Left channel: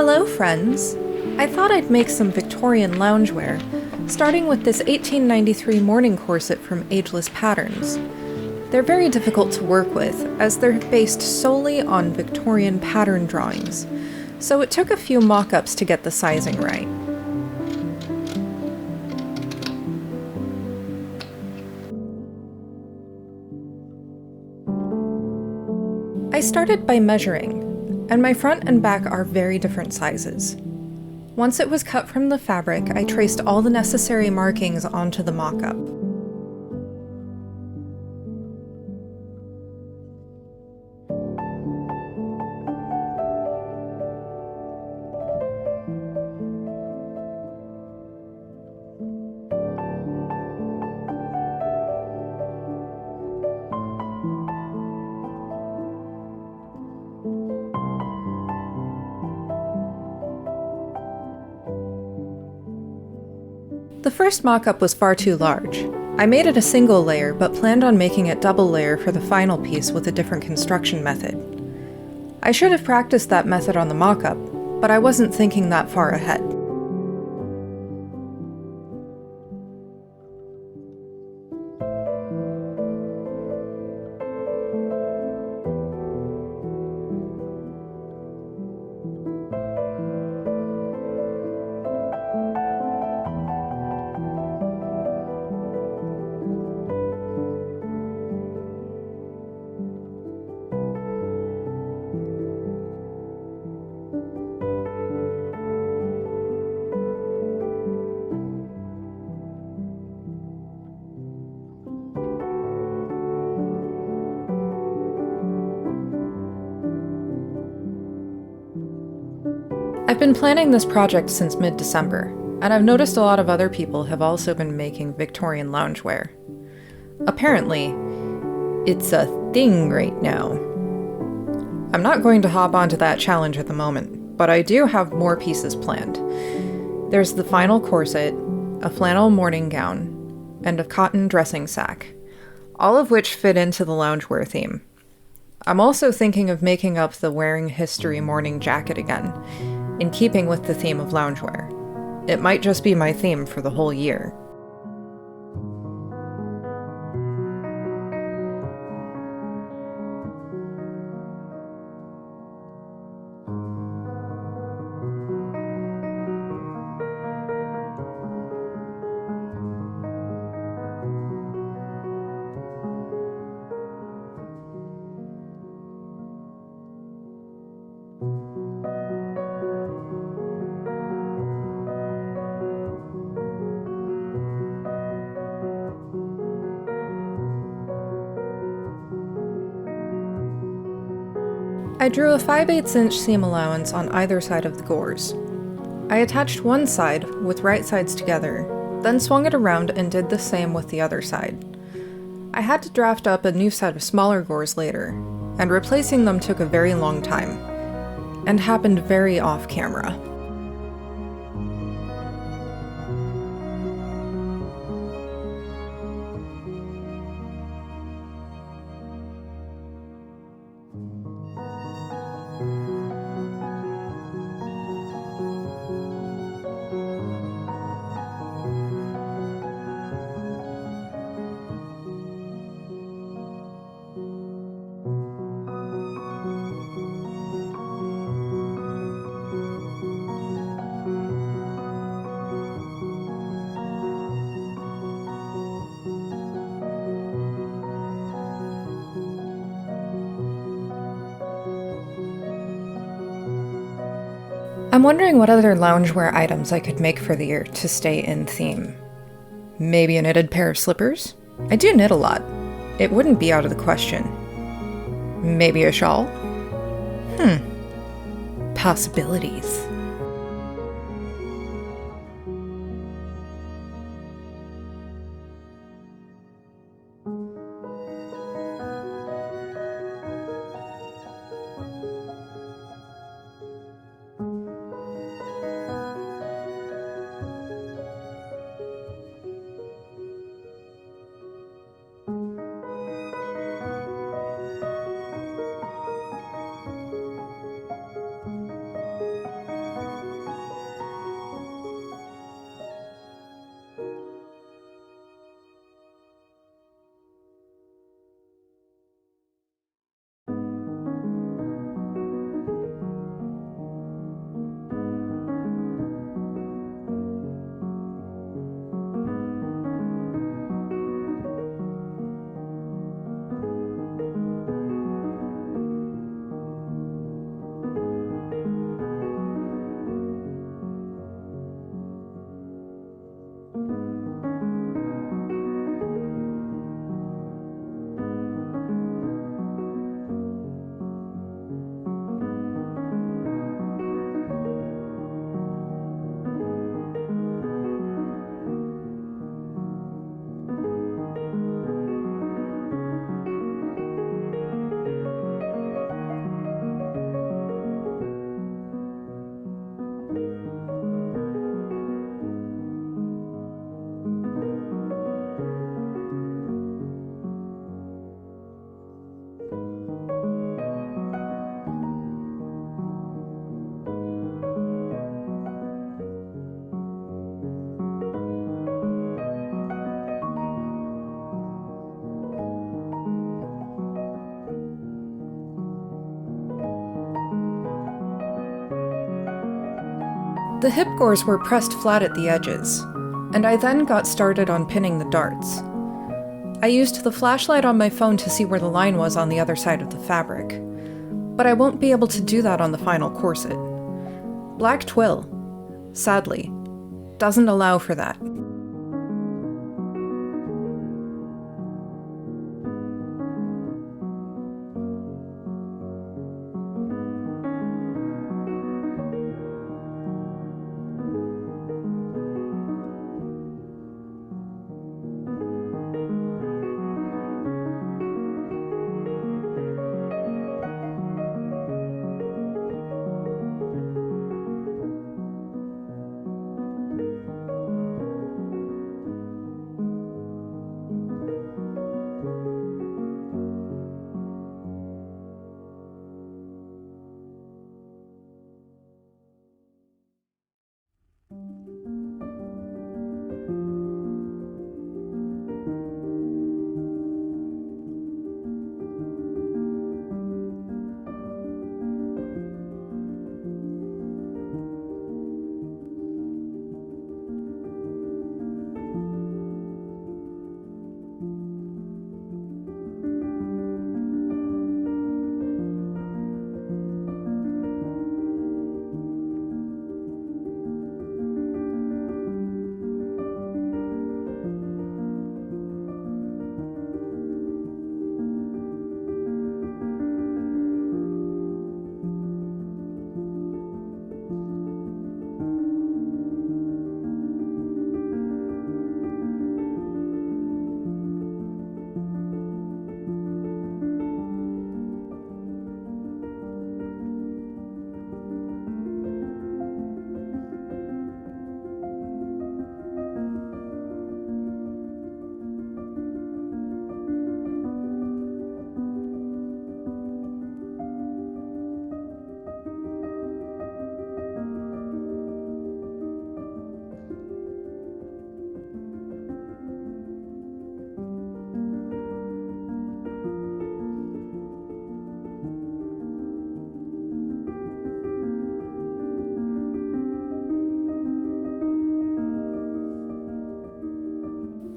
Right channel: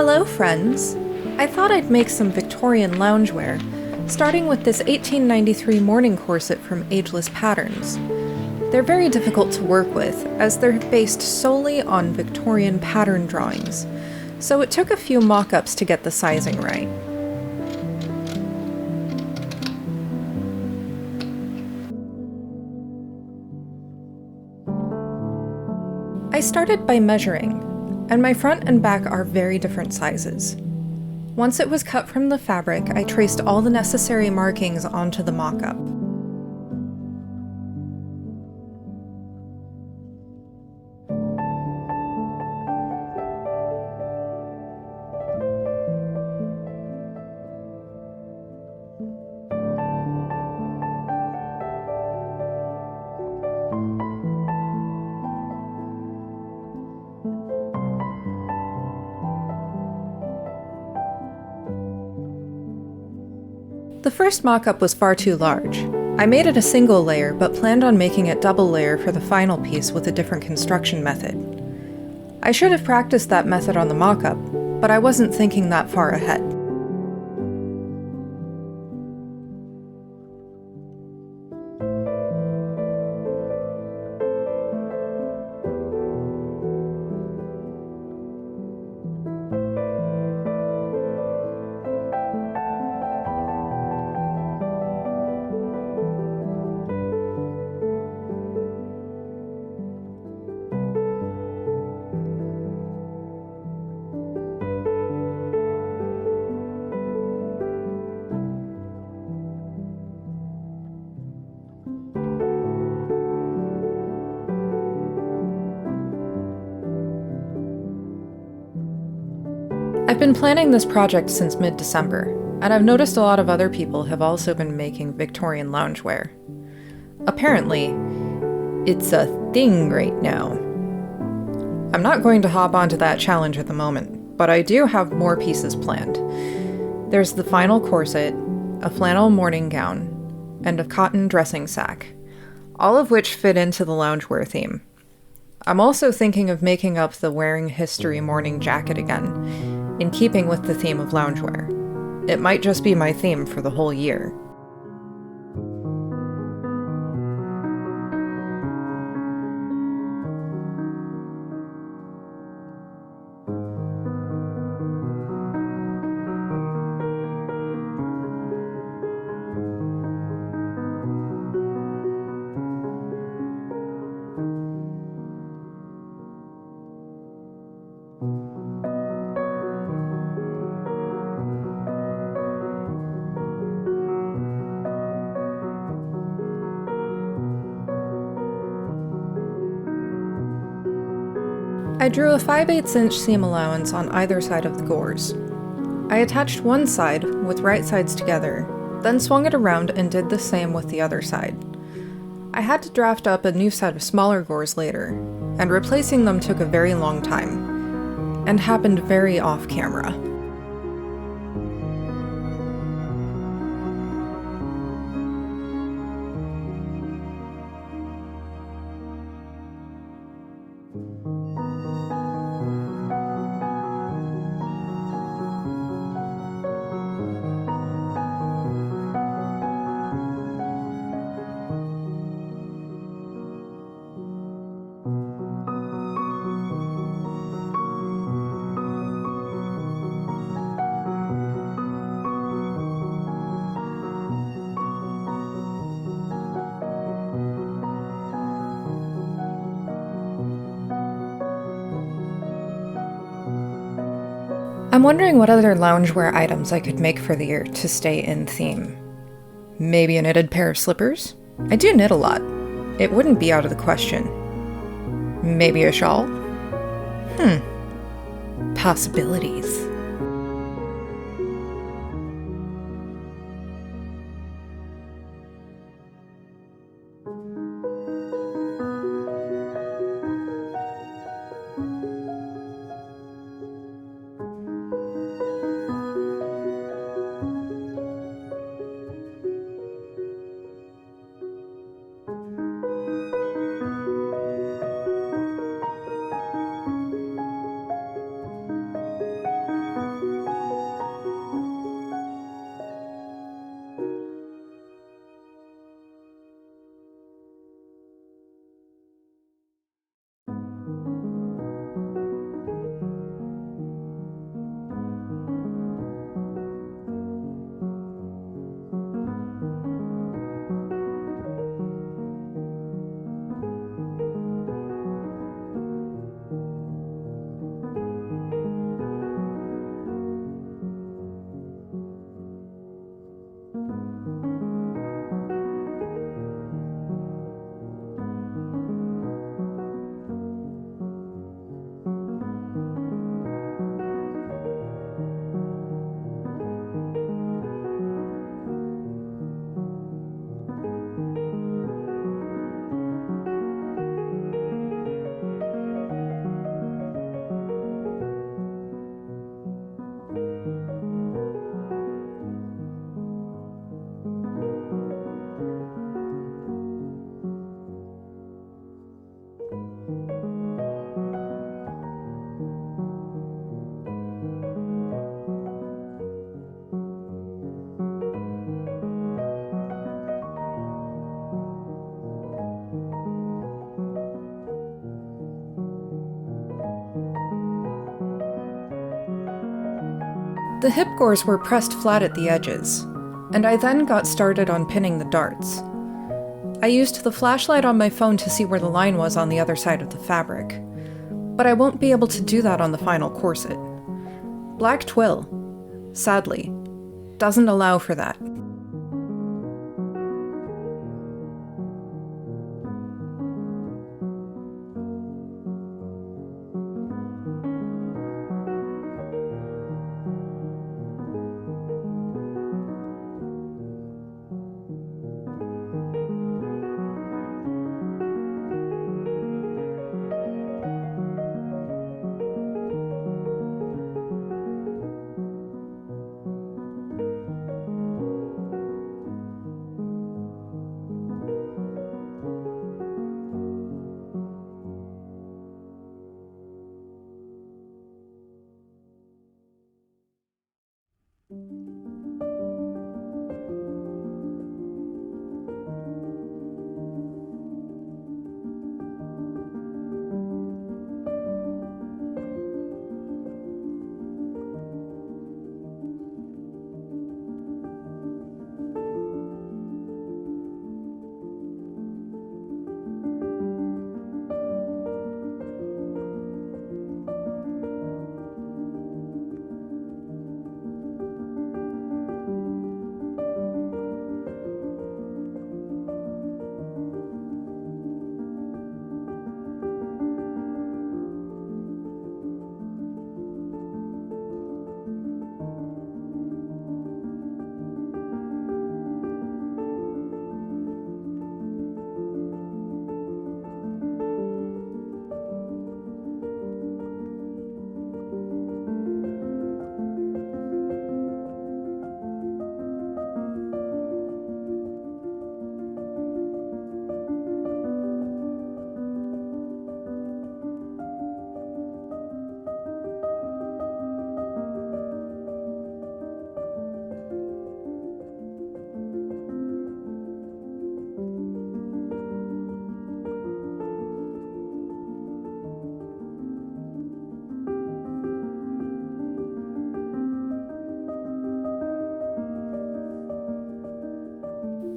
Hello, friends! I thought I'd make some Victorian loungewear, starting with this 1893 morning corset from Ageless Patterns. They're very difficult to work with, as they're based solely on Victorian pattern drawings, so it took a few mock-ups to get the sizing right. I started by measuring, and my front and back are very different sizes. Once it was cut from the fabric, I traced all the necessary markings onto the mock-up. The first mock-up was far too large. I made it a single layer, but planned on making it double layer for the final piece with a different construction method. I should have practiced that method on the mock-up, but I wasn't thinking that far ahead. I've been planning this project since mid-December, and I've noticed a lot of other people have also been making Victorian loungewear. Apparently, it's a thing right now. I'm not going to hop onto that challenge at the moment, but I do have more pieces planned. There's the final corset, a flannel morning gown, and a cotton dressing sack, all of which fit into the loungewear theme. I'm also thinking of making up the wearing history morning jacket again, in keeping with the theme of loungewear. It might just be my theme for the whole year. I drew a 5/8 inch seam allowance on either side of the gores. I attached one side with right sides together, then swung it around and did the same with the other side. I had to draft up a new set of smaller gores later, and replacing them took a very long time, and happened very off camera. I'm wondering what other loungewear items I could make for the year to stay in theme. Maybe a knitted pair of slippers? I do knit a lot. It wouldn't be out of the question. Maybe a shawl? Possibilities. The hip gores were pressed flat at the edges, and I then got started on pinning the darts. I used the flashlight on my phone to see where the line was on the other side of the fabric, but I won't be able to do that on the final corset. Black twill, sadly, doesn't allow for that.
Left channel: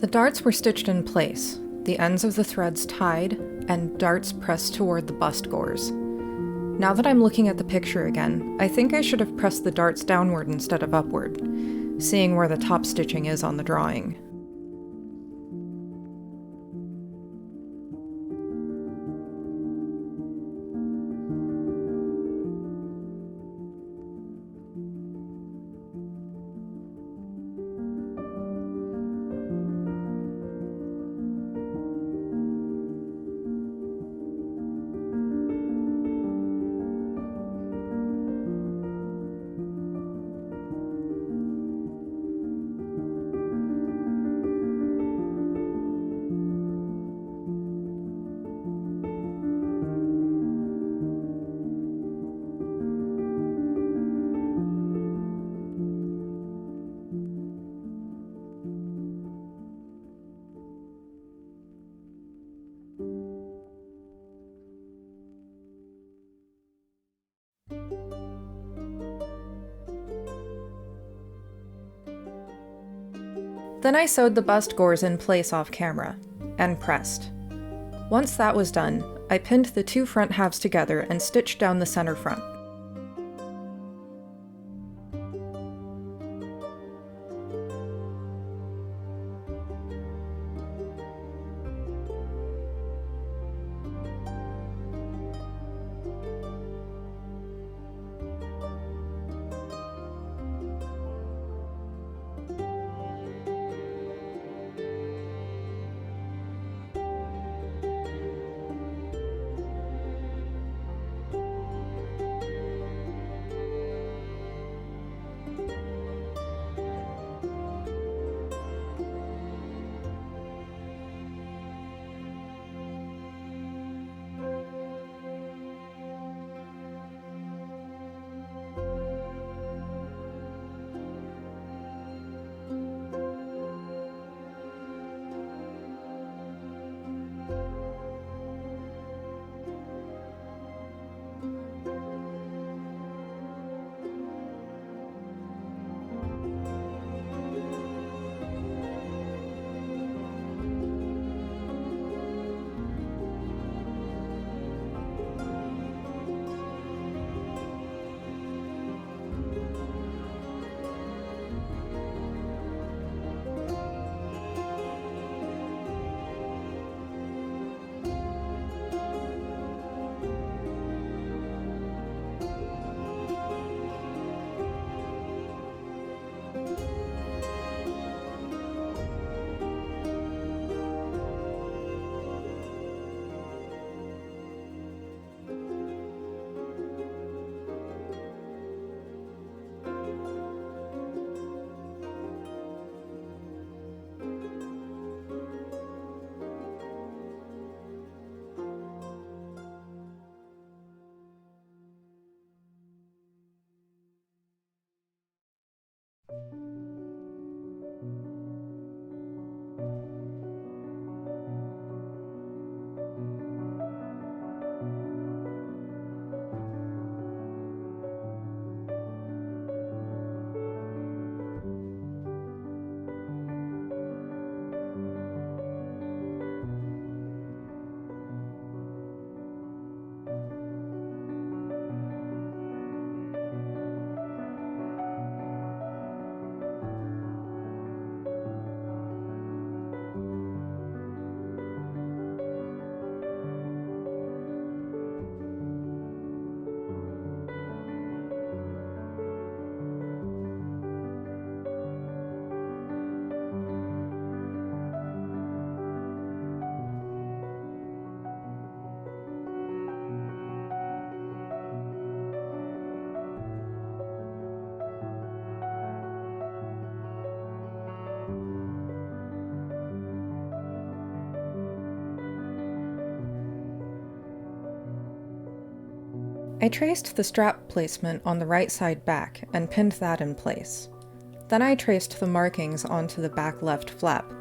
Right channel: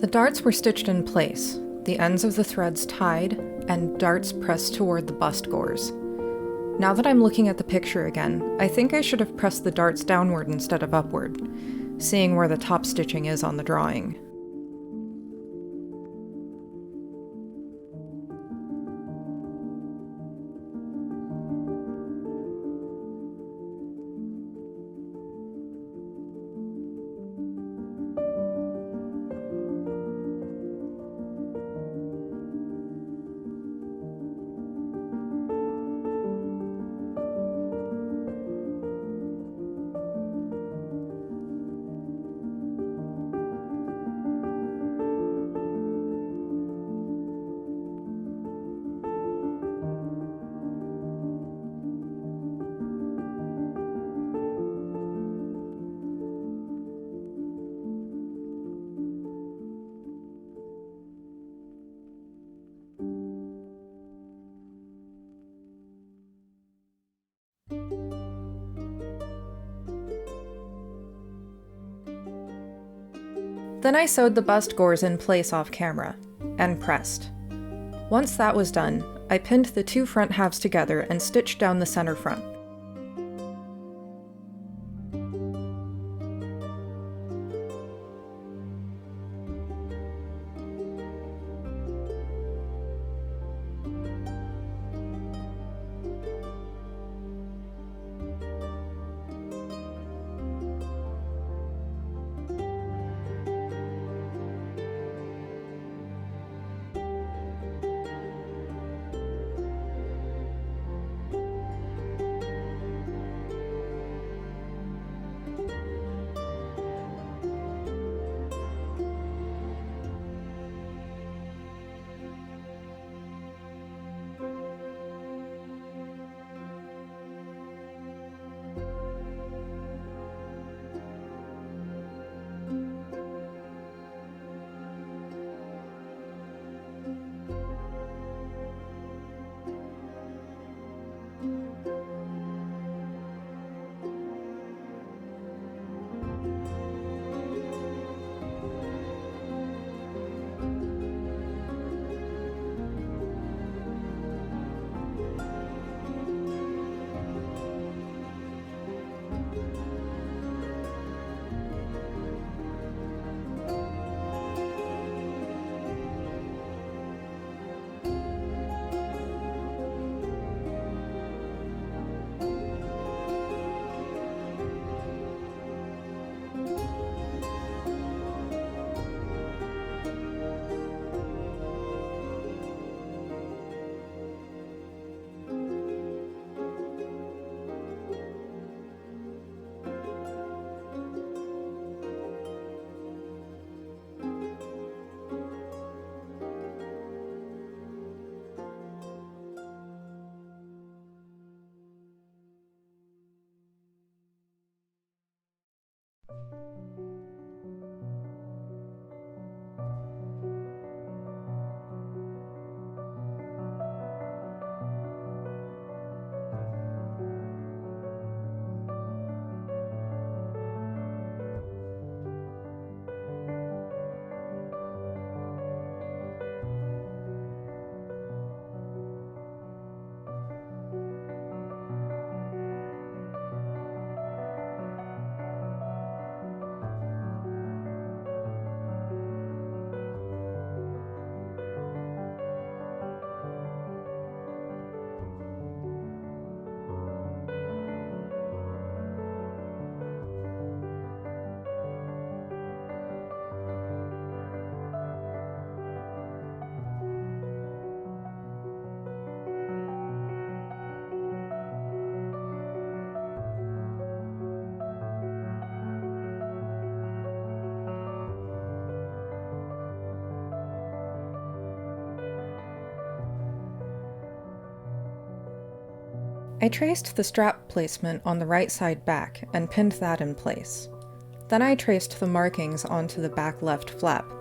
The darts were stitched in place, the ends of the threads tied, and darts pressed toward the bust gores. Now that I'm looking at the picture again, I think I should have pressed the darts downward instead of upward, seeing where the top stitching is on the drawing. Then I sewed the bust gores in place off camera, and pressed. Once that was done, I pinned the two front halves together and stitched down the center front. I traced the strap placement on the right side back and pinned that in place. Then I traced the markings onto the back left flap,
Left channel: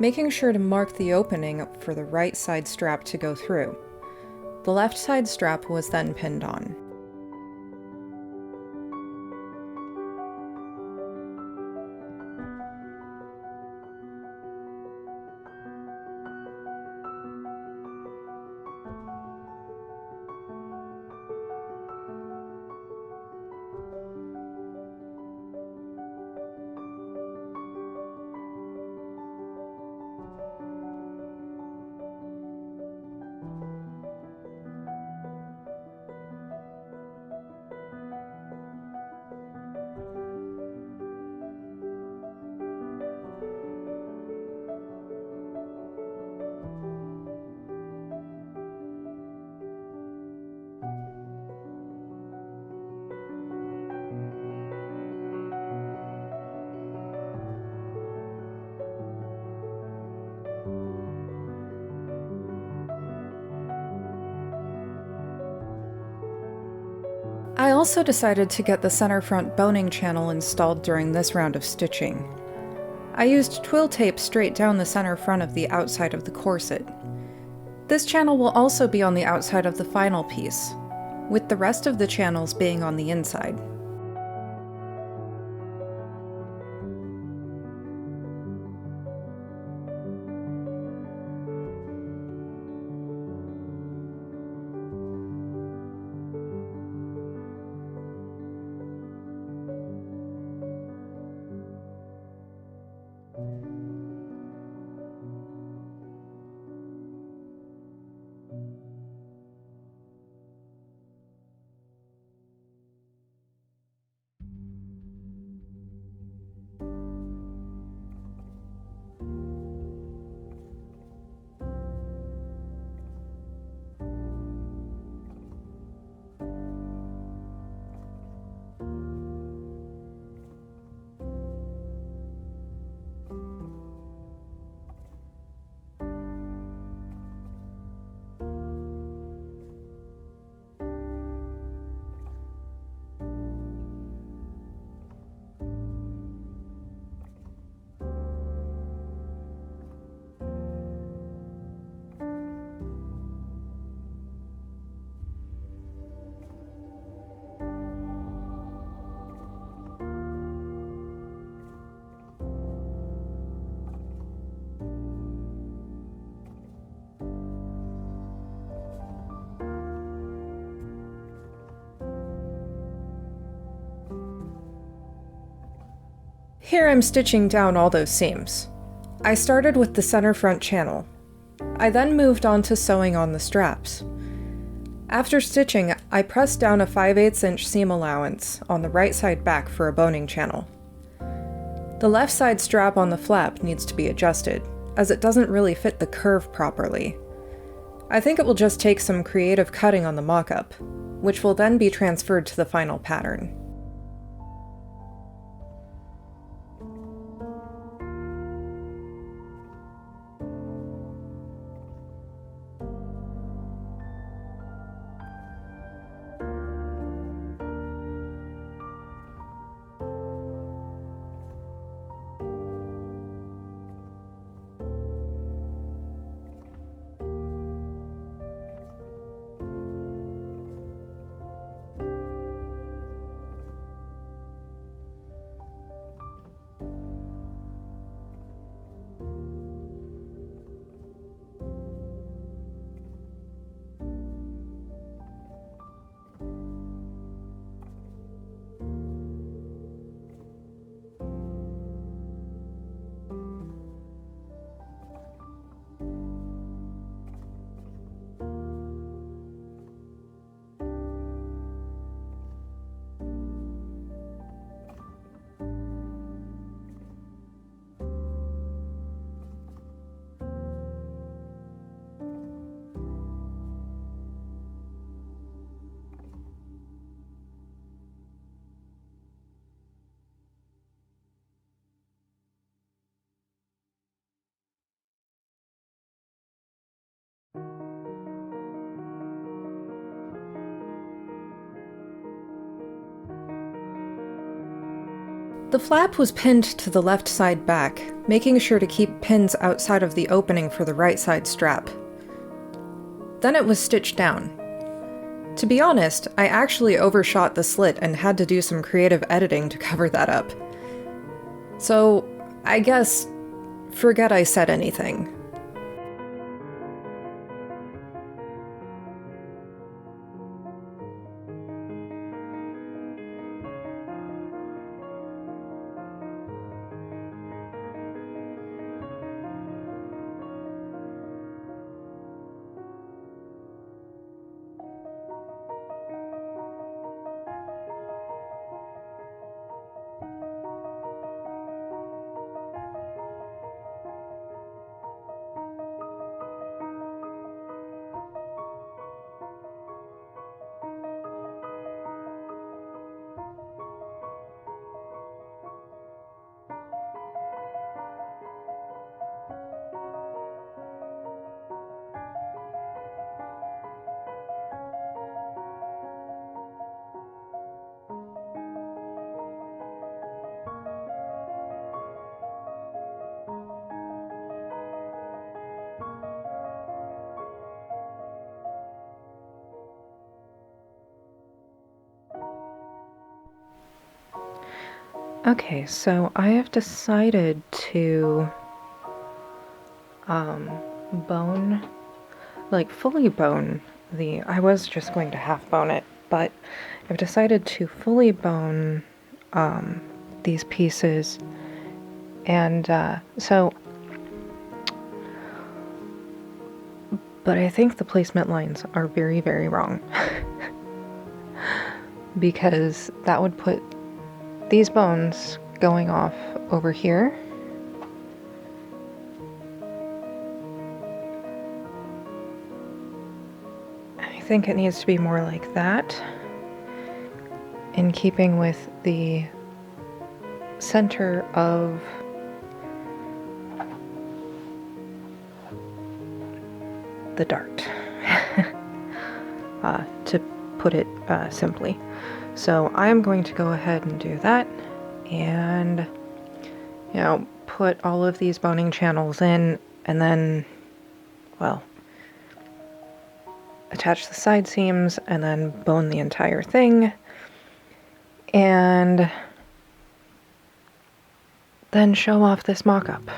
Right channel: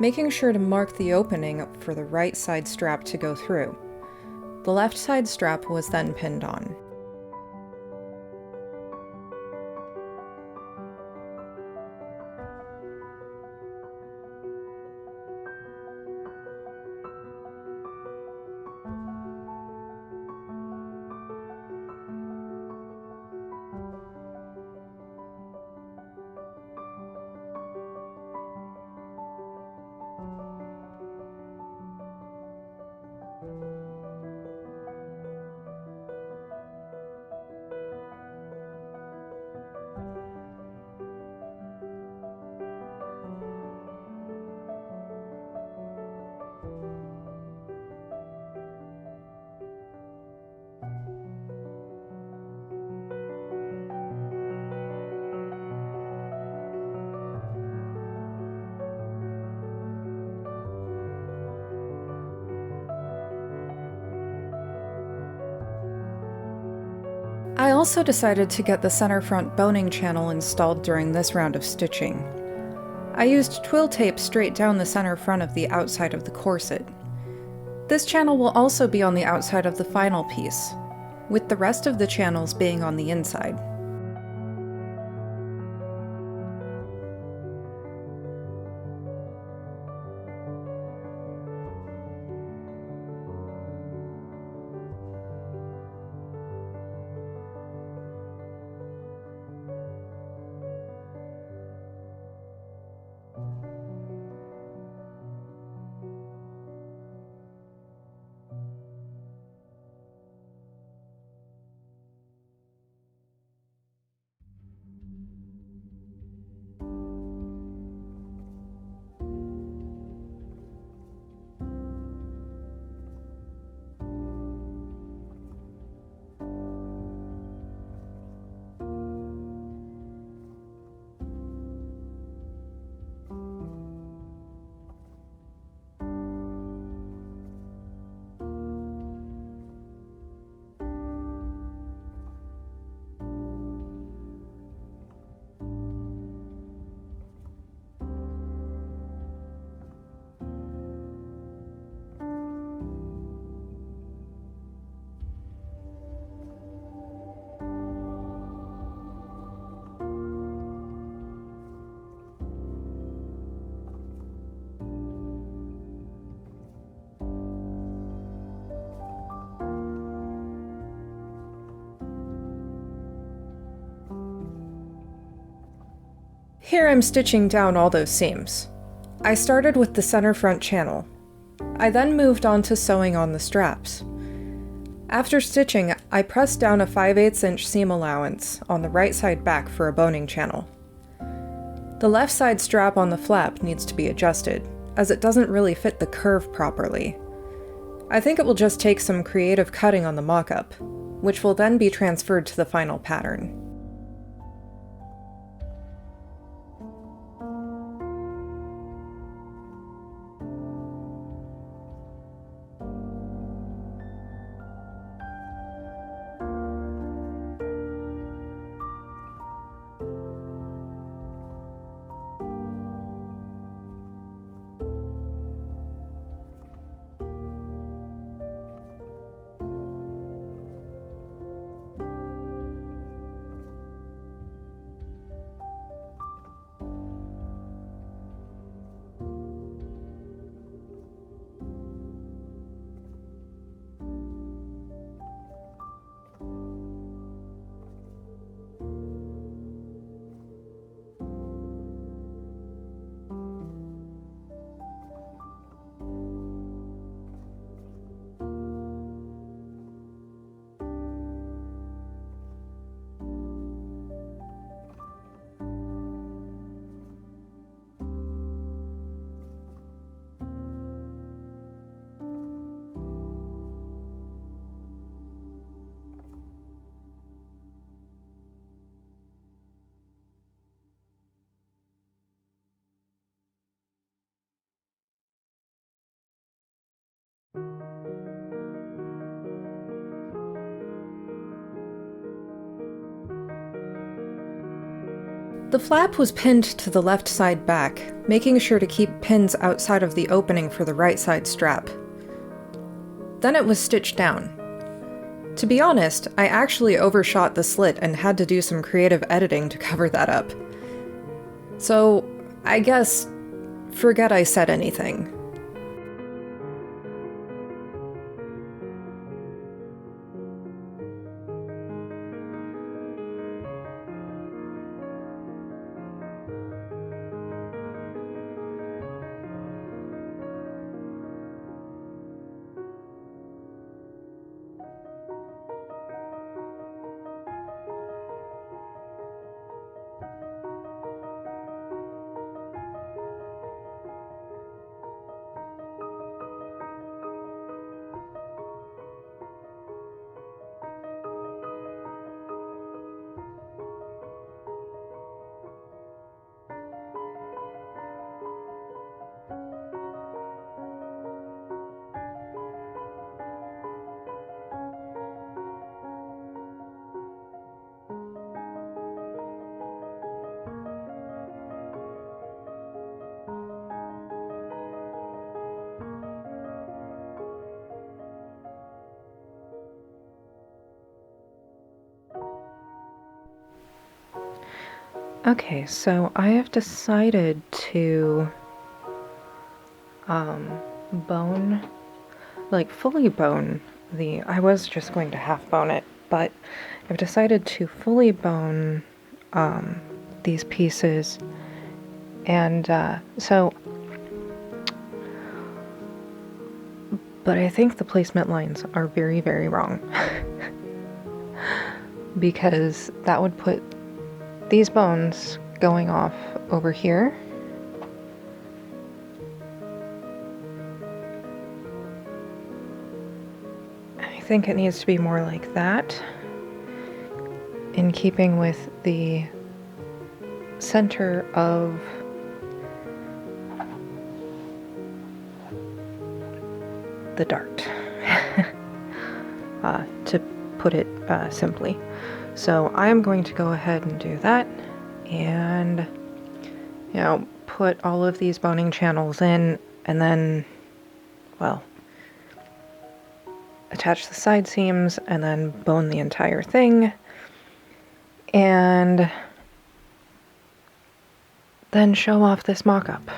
making sure to mark the opening for the right side strap to go through. The left side strap was then pinned on. I also decided to get the center front boning channel installed during this round of stitching. I used twill tape straight down the center front of the outside of the corset. This channel will also be on the outside of the final piece, with the rest of the channels being on the inside. Here I'm stitching down all those seams. I started with the center front channel. I then moved on to sewing on the straps. After stitching, I pressed down a 5/8 inch seam allowance on the right side back for a boning channel. The left side strap on the flap needs to be adjusted, as it doesn't really fit the curve properly. I think it will just take some creative cutting on the mock-up, which will then be transferred to the final pattern. The flap was pinned to the left side back, making sure to keep pins outside of the opening for the right side strap. Then it was stitched down. To be honest, I actually overshot the slit and had to do some creative editing to cover that up. So, I guess, forget I said anything. Okay, so I have decided to fully bone I was just going to half bone it, but I've decided to fully bone these pieces, and but I think the placement lines are very, very wrong because that would put these bones going off over here. I think it needs to be more like that, in keeping with the center of the dart, to put it simply. So I am going to go ahead and do that, and put all of these boning channels in, and then, well, attach the side seams, and then bone the entire thing, and then show off this mock-up.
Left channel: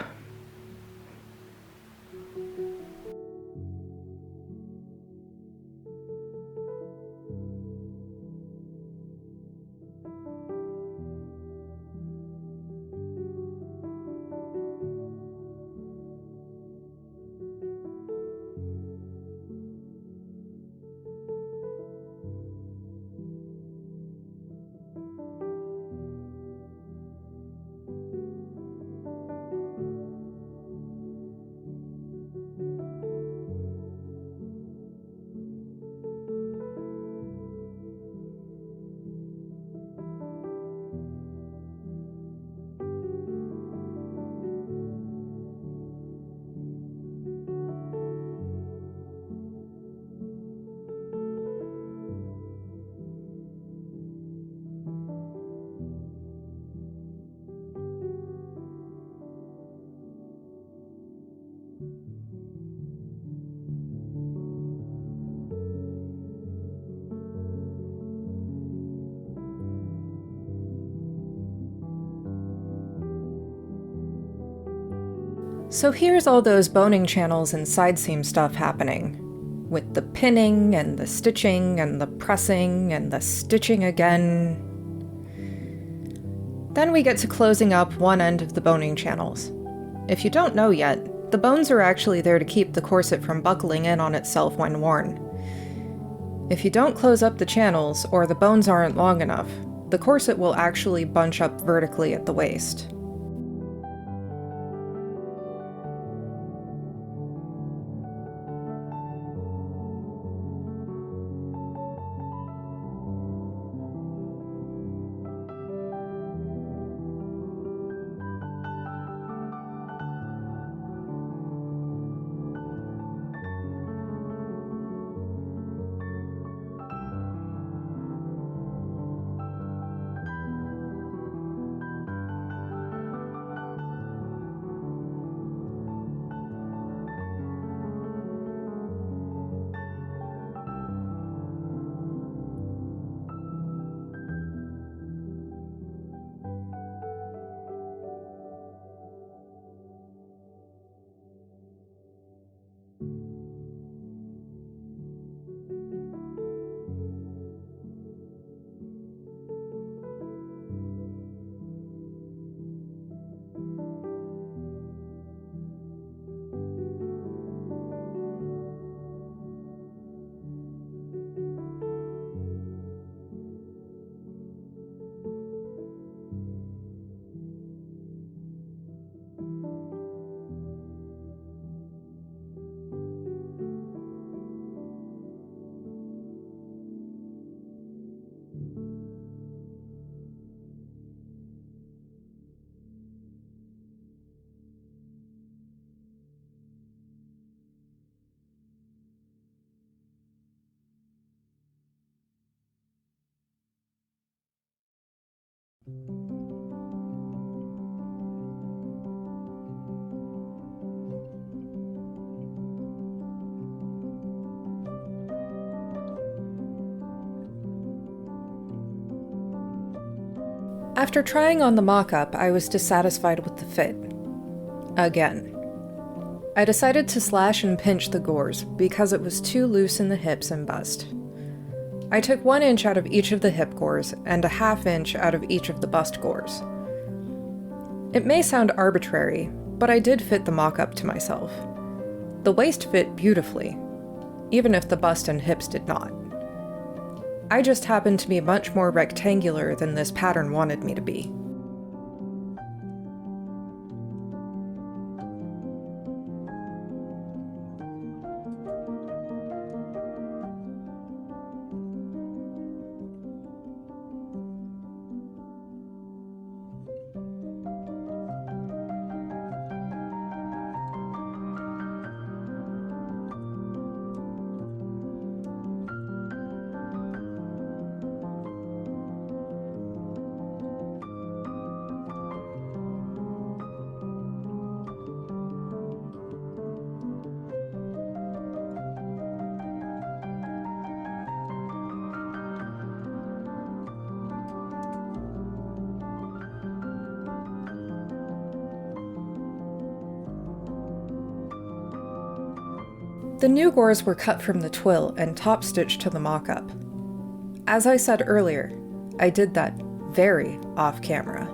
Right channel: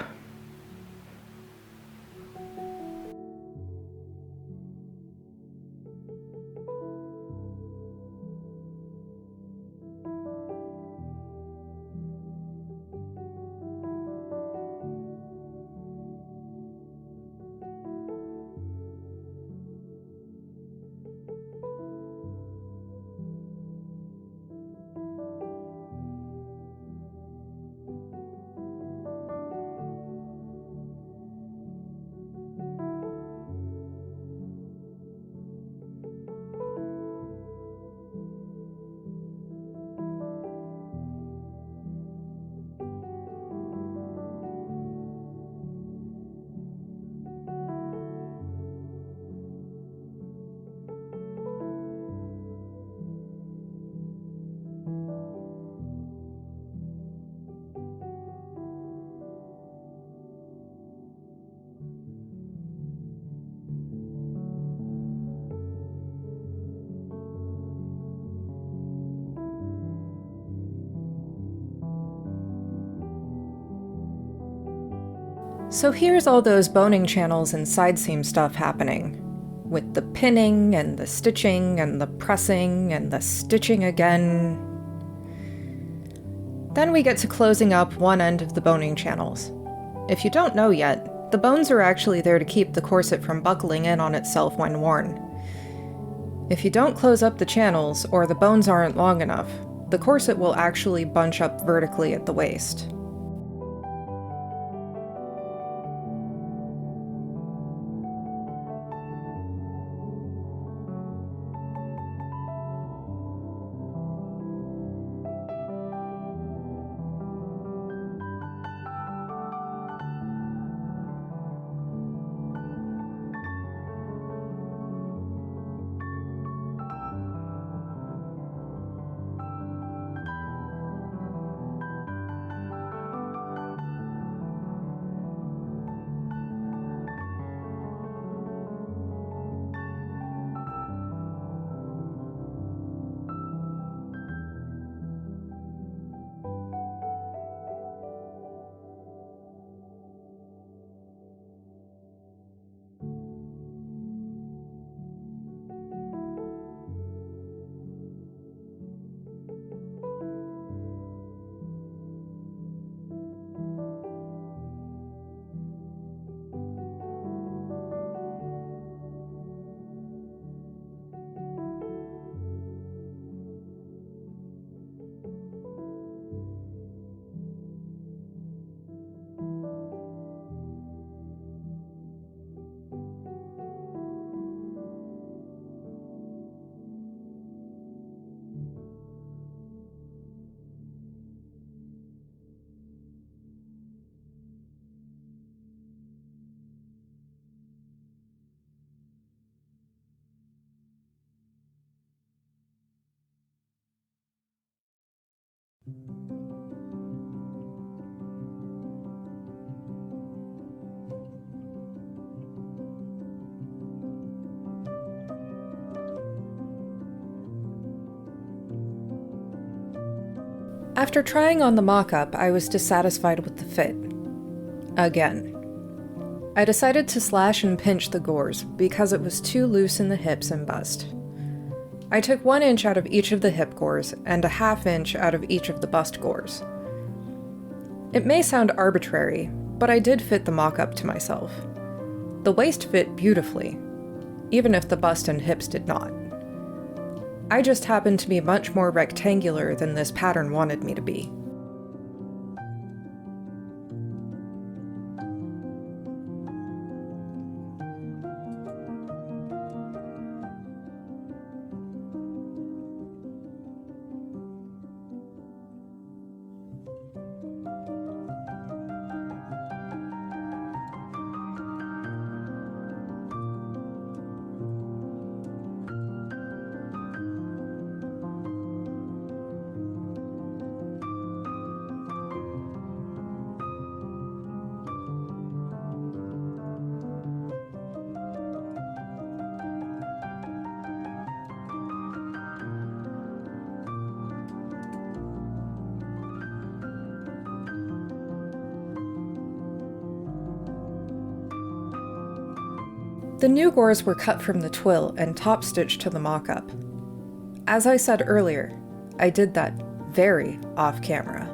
So here's all those boning channels and side seam stuff happening, with the pinning and the stitching and the pressing and the stitching again. Then we get to closing up one end of the boning channels. If you don't know yet, the bones are actually there to keep the corset from buckling in on itself when worn. If you don't close up the channels, or the bones aren't long enough, the corset will actually bunch up vertically at the waist. After trying on the mock-up, I was dissatisfied with the fit. Again. I decided to slash and pinch the gores because it was too loose in the hips and bust. I took 1 inch out of each of the hip gores and a ½ inch out of each of the bust gores. It may sound arbitrary, but I did fit the mock-up to myself. The waist fit beautifully, even if the bust and hips did not. I just happened to be much more rectangular than this pattern wanted me to be. The new gores were cut from the twill and top stitched to the mock-up. As I said earlier, I did that very off-camera.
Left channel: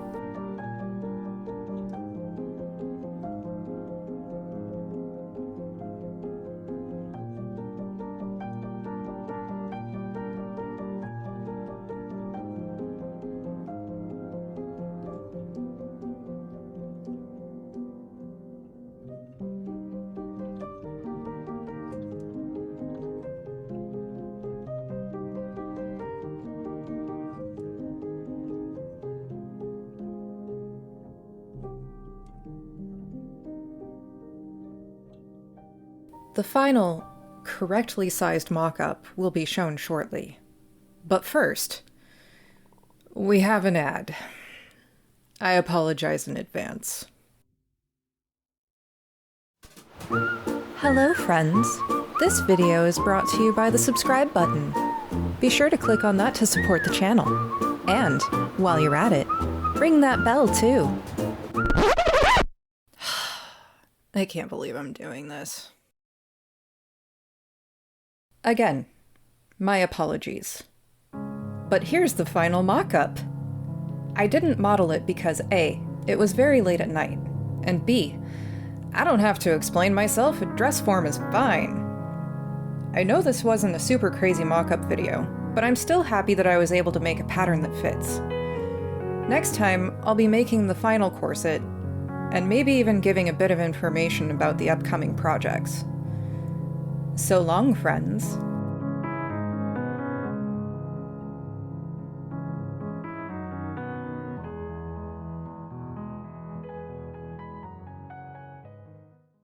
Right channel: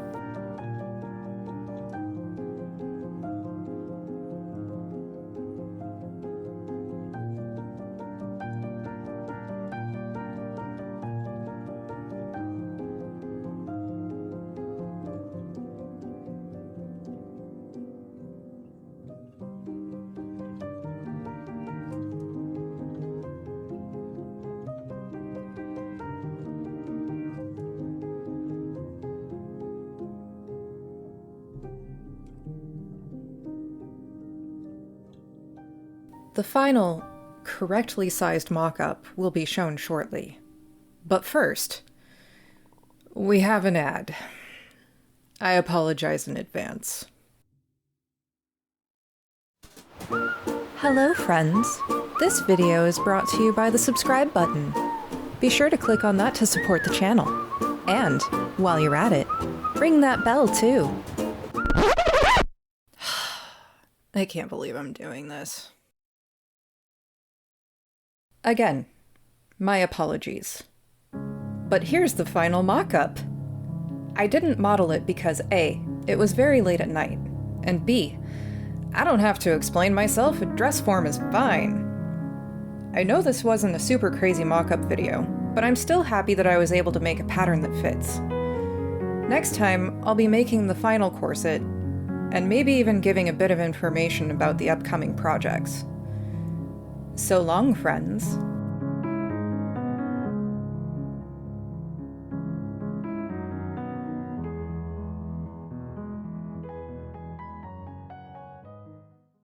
The final, correctly sized mock-up will be shown shortly. But first, we have an ad. I apologize in advance. Hello, friends. This video is brought to you by the subscribe button. Be sure to click on that to support the channel. And, while you're at it, ring that bell too. I can't believe I'm doing this. Again, my apologies. But here's the final mock-up. I didn't model it because A, it was very late at night, and B, I don't have to explain myself, a dress form is fine. I know this wasn't a super crazy mock-up video, but I'm still happy that I was able to make a pattern that fits. Next time, I'll be making the final corset, and maybe even giving a bit of information about the upcoming projects. So long, friends.